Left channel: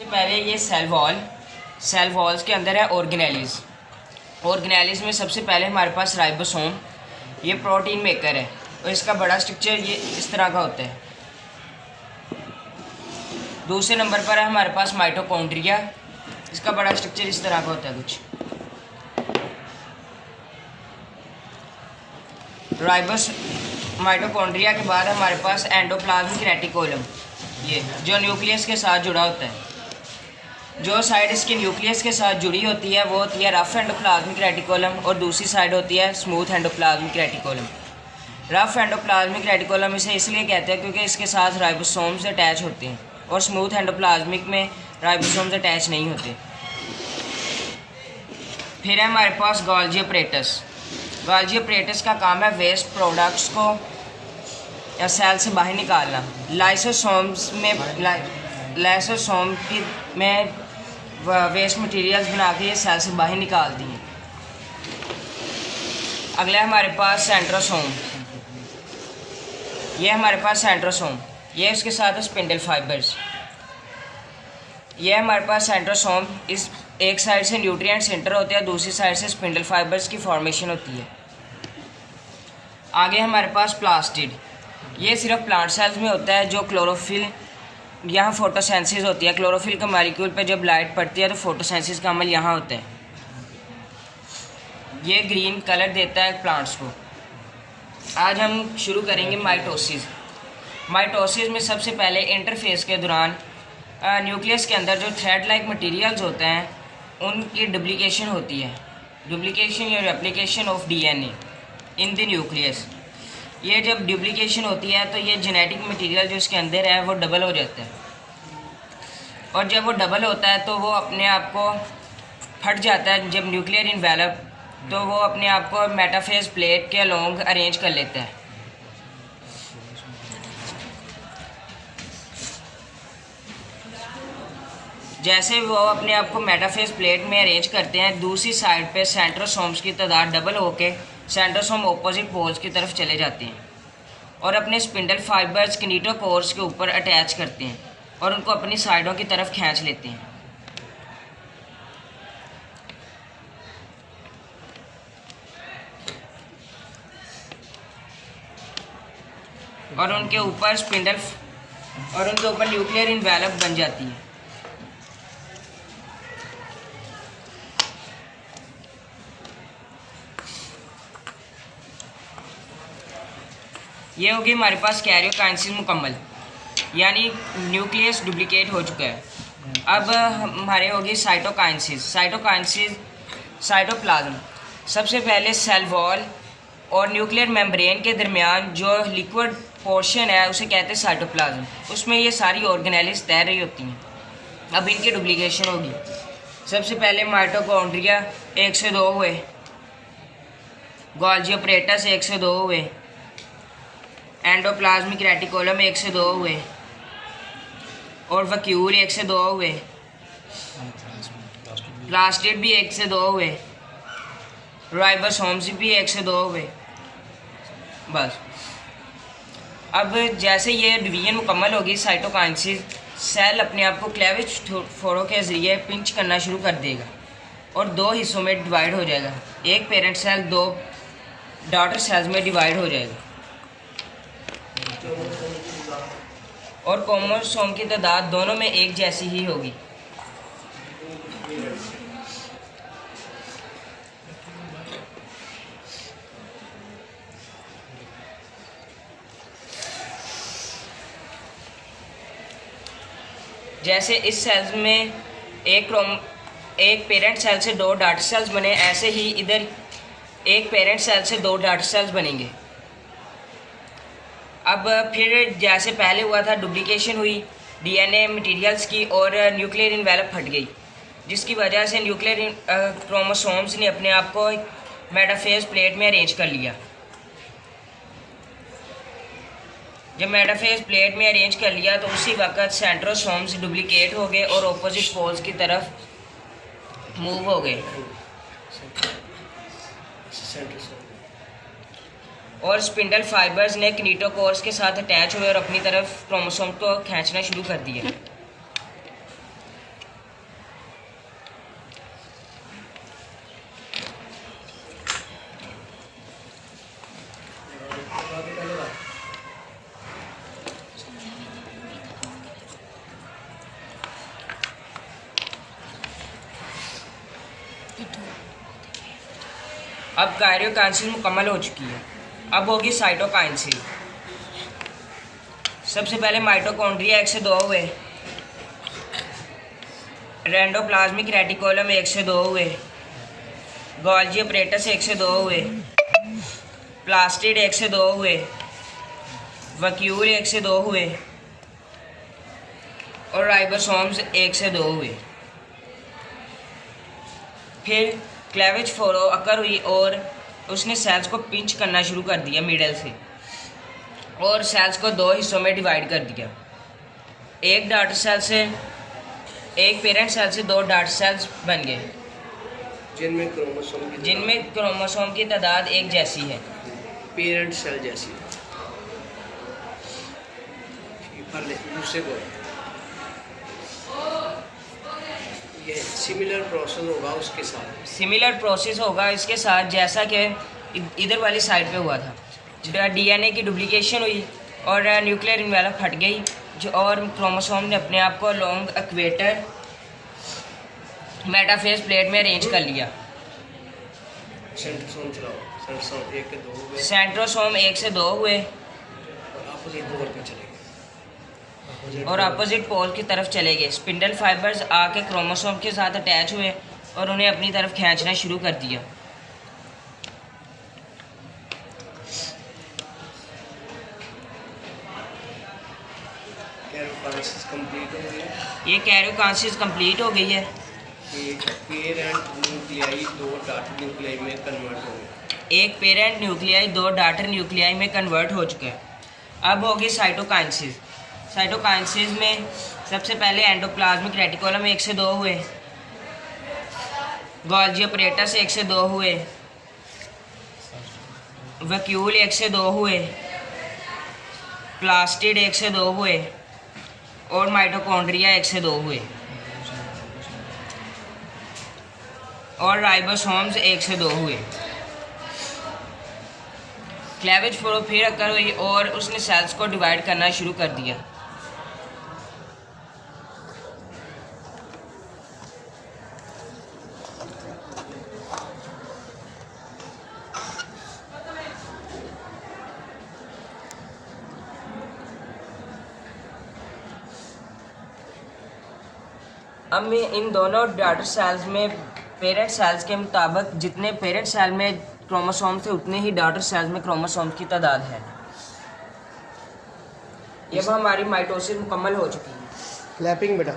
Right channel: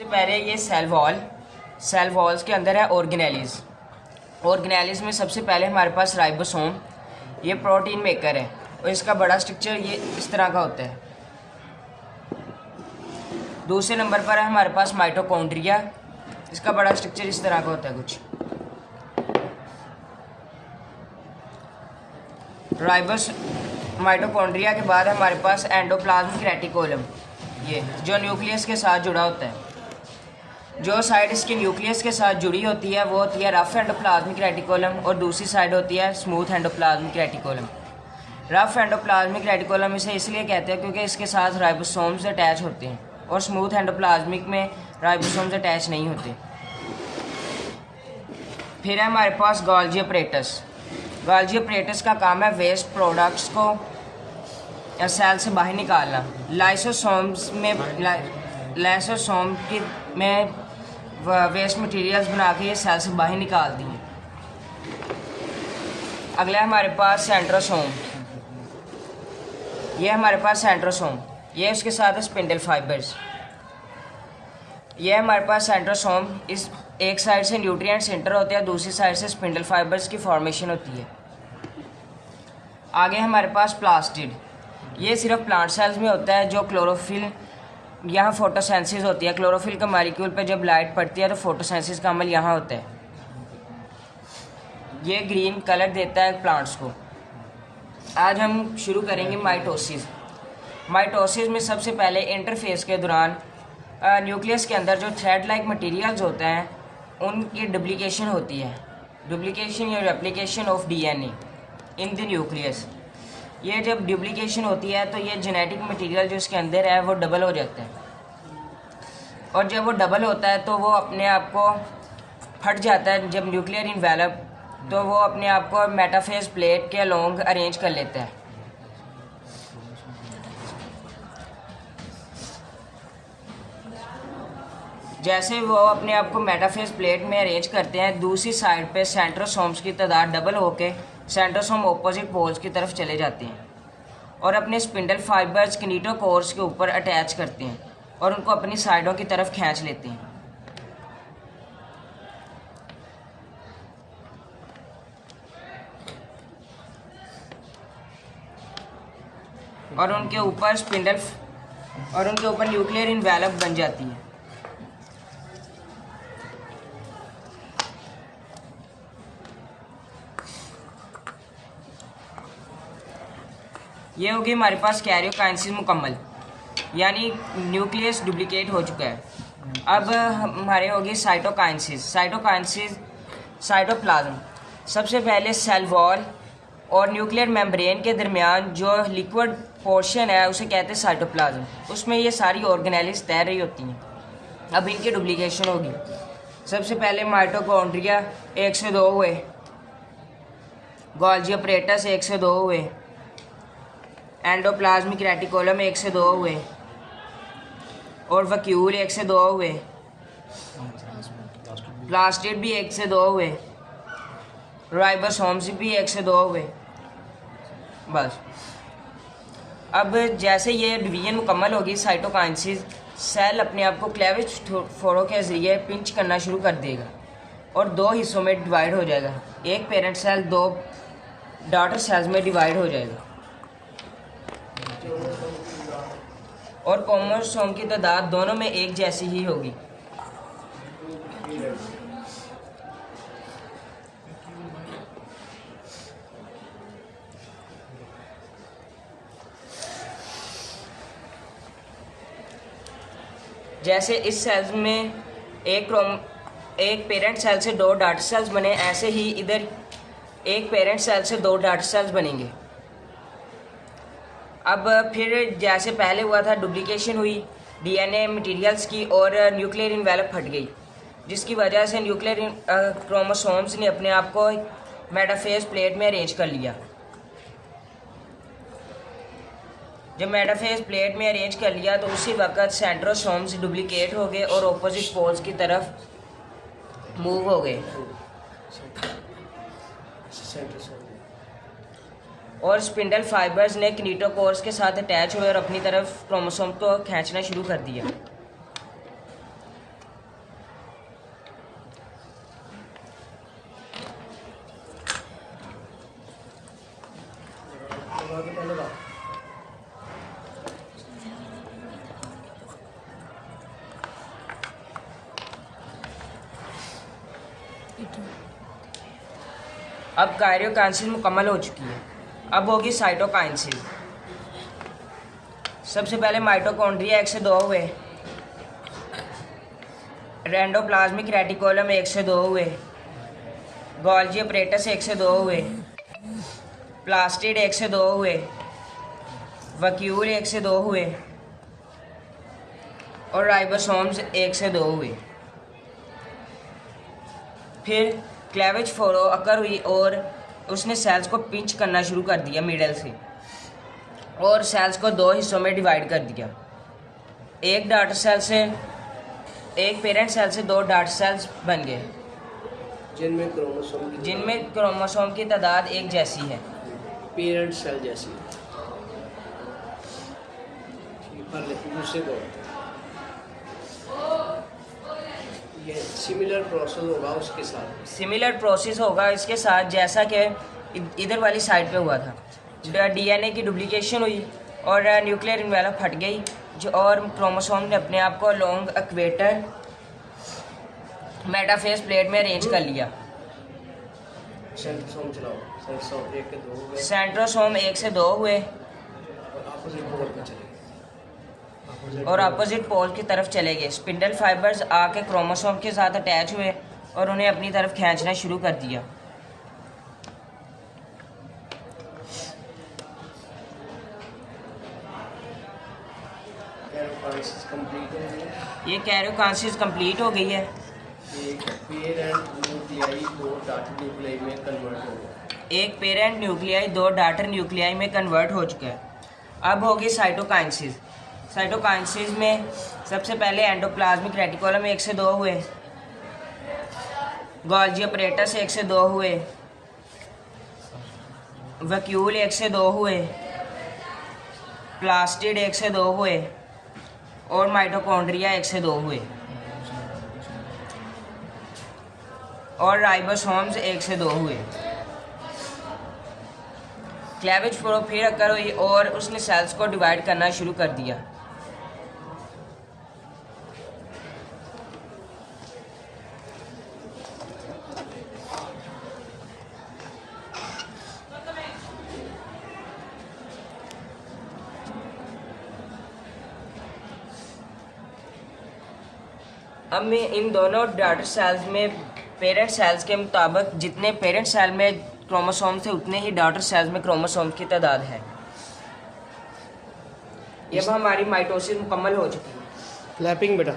सबसे पहले ये सेल वॉल्स के अंदर है ऑर्गेनेलिज में सबसे पहले हमारे पास राइबोसोम, ये प्रोटीन मेकर है और इसका बड़ा स्ट्रक्चर ये इस तरह का होता है। दूसरे नंबर पर है हमारे पास माइटोकॉन्ड्रिया, इसका बड़ा स्ट्रक्चर इस तरह का होता है कुछ। माइटोकॉन्ड्रिया के बाद हमारे पास एंडोप्लाज्मिक रेटिकुलम, ये जो न्यूक्लियस के साथ जुड़ा होता है। जो साइड इसके न्यूक्लियस के साथ जुड़ी होती है वो होती है रफ एंडोप्लाज्मिक रेटिकुलम और दूसरी साइड होती है smooth endoplasmic reticulum. Rough endoplasmic reticulum इसे इसलिए कहते हैं क्योंकि इसके साथ राइबोसोम्स अटैच होते हैं और स्मूथ एंडोप्लाज्मिक में राइबोसोम्स अटैच नहीं होते। फिर है हमारे पास गोल्गी अपरेटस। गोल्गी अपरेटस का काम है वेस्ट प्रोडक्ट्स को या सेल से बाहर निकालना। लाइसोसोम में वेस्ट मटेरियल्स बना के ये सेल से बाहर निकालती हैं। अगला है हमारे पास सेंट्रोसोम। ये हमारे पास सेंट्रोसोम, ये इसके साथ है स्पिंडल फाइबर्स। ये हमारे पास सेंट्रोसोम, इस एक साइड से न्यूट्रिएंट सेंटर होते हैं, दूसरी साइड से स्पिंडल फाइबर्स की फॉर्मेशन होती है। आगे हमारे पास प्लास्टिड, ये सिर्फ प्लांट सेल्स में होता है। जो क्लोरोफिल, यहाँ फोटोसेंसिस होती है। क्लोरोफिल का मॉलिक्यूल पे जब लाइट पड़ती है तो फोटोसेंसिस का अमल यहाँ होता है। ये ग्रीन कलर देता है प्लांट्स को। आज हम शुरू करेंगे माइटोसिस। माइटोसिस में सबसे पहले इंटरफेस के दौरान न्यूक्लियस के अंदर जो थ्रेड लाइक मटेरियल्स होते हैं उनकी डुप्लीकेशन होती है। डुप्लीकेशन या replication of DNA in the nucleus. ये जब डुप्लीकेशन होती है तो ये जेनेटिक मटेरियल जो इसके अंदर है वो डबल हो जाता है और जब वो डबल होता है तो वो अपने आप को फट जाता है। जब न्यूक्लियर इन्वेलप तो वो अपने आप को मेटाफेज प्लेट के अलोंग अरेंज कर लेता है। जैसे वो अपने आप को मेटाफेज प्लेट में अरेंज करते हैं, दूसरी साइड पे सेंट्रोसोम्स की तादाद डबल होके सेंट्रोसोम ऑपोजिट पोल्स की तरफ चले जाते हैं और अपने स्पिंडल फाइबर्स किनेटोकोर्स के ऊपर अटैच करते हैं और उनको अपनी साइडों की तरफ खींच लेते हैं। और उनके ऊपर न्यूक्लियर इन्वेलप बन जाती है। ये होगी हमारे पास कैरियोकाइनेसिस मुकम्मल, यानी न्यूक्लियस डुप्लीकेट हो चुका है। अब हमारे होगी साइटोकाइनेसिस। साइटोप्लाज्म। सबसे पहले सेल वॉल और न्यूक्लियर मेम्ब्रेन के दरमियान जो लिक्विड पोर्शन है उसे कहते हैं साइटोप्लाज्म। उसमें ये सारी ऑर्गेनेलिज तैर रही होती हैं। अब इनकी डुप्लीकेशन होगी। सबसे पहले माइटोकॉन्ड्रिया 1 से 2 हुए, गोल्गी अपरेटस 1 से 2 हुए, एंडोप्लाज्मिक रेटिकुलम 1 से 2 हुए और वैक्यूल 1 से 2 हुए, प्लास्टिड भी 1 से 2 हुए, राइबोसोम्स भी 1 से 2 हुए। बस अब जैसे ये डिवीजन मुकम्मल होगी साइटोकाइनेसिस, सेल अपने आप को क्लेविज फोड़ों के ज़रिए पिंच करना शुरू कर देगा और 2 हिस्सों में डिवाइड हो जाएगा। एक पेरेंट सेल 2 डॉटर सेल्स में डिवाइड हो जाएगा और क्रोमोसोम की तादाद दोनों में एक जैसी ही होगी। जैसे इस सेल्स में एक पेरेंट सेल से 2 डॉटर सेल्स बने, ऐसे ही इधर एक पेरेंट सेल से 2 डॉटर सेल्स बनेंगे। अब फिर जैसे पहले हुआ था, डुप्लीकेशन हुई डीएनए मटेरियल्स की और न्यूक्लियर इन्वेलप फट गई, जिसकी वजह से न्यूक्लियर क्रोमोसोम्स ने अपने आप को मेटाफेज प्लेट में अरेंज कर लिया। जब मेटाफेज प्लेट में अरेंज कर लिया तो उसी वक्त सेंट्रोसोम्स डुप्लीकेट हो गए और ऑपोजिट पोल्स की तरफ मूव हो गए और स्पिंडल फाइबर्स ने किनेटोकोर्स के साथ अटैच हुए और अपनी तरफ क्रोमोसोम को खींचना शुरू कर दिया। अब कैरियोकाइनेसिस मुकम्मल हो चुकी है। अब होगी साइटोकाइनेसिस। सबसे पहले माइटोकॉन्ड्रिया 1 से 2 हुए, रेंडोप्लाज्मिक रेटिकुलम 1 से 2 हुए, गोल्गी अपरेटस 1 से 2 हुए, प्लास्टिड 1 से 2 हुए, वैक्यूल 1 से 2 हुए और राइबोसोम्स 1 से 2 हुए। फिर क्लेवेज फोरो अकर हुई और उसने सेल्स को पिंच करना शुरू कर दिया मिडल से और सेल्स को 2 हिस्सों में डिवाइड कर दिया। एक डॉटर सेल से, एक पेरेंट सेल से 2 डॉटर सेल्स बन गए जिनमें क्रोमोसोम की तादाद एक जैसी है, पेरेंट सेल जैसी। दूसरे को ये सिमिलर प्रोसेस होगा उसके साथ, सिमिलर प्रोसेस होगा इसके साथ जैसा कि इधर वाली साइड पे हुआ था। डीएनए की डुप्लीकेशन हुई और न्यूक्लियर इन्वेलप हट गई जो और क्रोमोसोम ने अपने आप को लॉन्ग इक्वेटर मेटाफेज प्लेट में अरेंज कर लिया। सेंट्रोसोम चलाओ, सेंट्रोसोम 1 से 2 हुए, सेंट्रोसोम 1 से 2 हुए और अपोजिट पोल की तरफ चले गए। स्पिंडल फाइबर्स आके क्रोमोसोम के साथ अटैच हुए और उन्हें अपनी तरफ खींचना शुरू कर दिया। ये कैरियोकाइनेसिस कंप्लीट हो गई है। एक पेरेंट न्यूक्लियाई 2 डॉटर न्यूक्लियाई में कन्वर्ट हो गया। एक पेरेंट न्यूक्लियाई 2 डॉटर न्यूक्लियाई में कन्वर्ट हो चुका है। अब होगी साइटोकाइनेसिस। साइटोकाइनेसिस में सबसे पहले एंडोप्लाज्मिक रेटिकुलम 1 से 2 हुए, गोल्गी अपरेटस 1 से 2 हुए, वैक्यूल 1 से 2 हुए, प्लास्टिड 1 से 2 हुए और माइटोकॉन्ड्रिया 1 से 2 हुए और राइबोसोम्स 1 से 2 हुए। क्लेवेज फोरो फिर अकर हुई और उसने सेल्स को डिवाइड करना शुरू कर दिया। अब मैं इन दोनों डॉटर सेल्स में पेरेंट सेल्स के मुताबिक जितने पेरेंट सेल में क्रोमोसोम थे उतने ही डॉटर सेल्स में क्रोमोसोम की तादाद है। ये अब हमारी माइटोसिस मुकम्मल हो चुकी है। क्लैपिंग बेटा।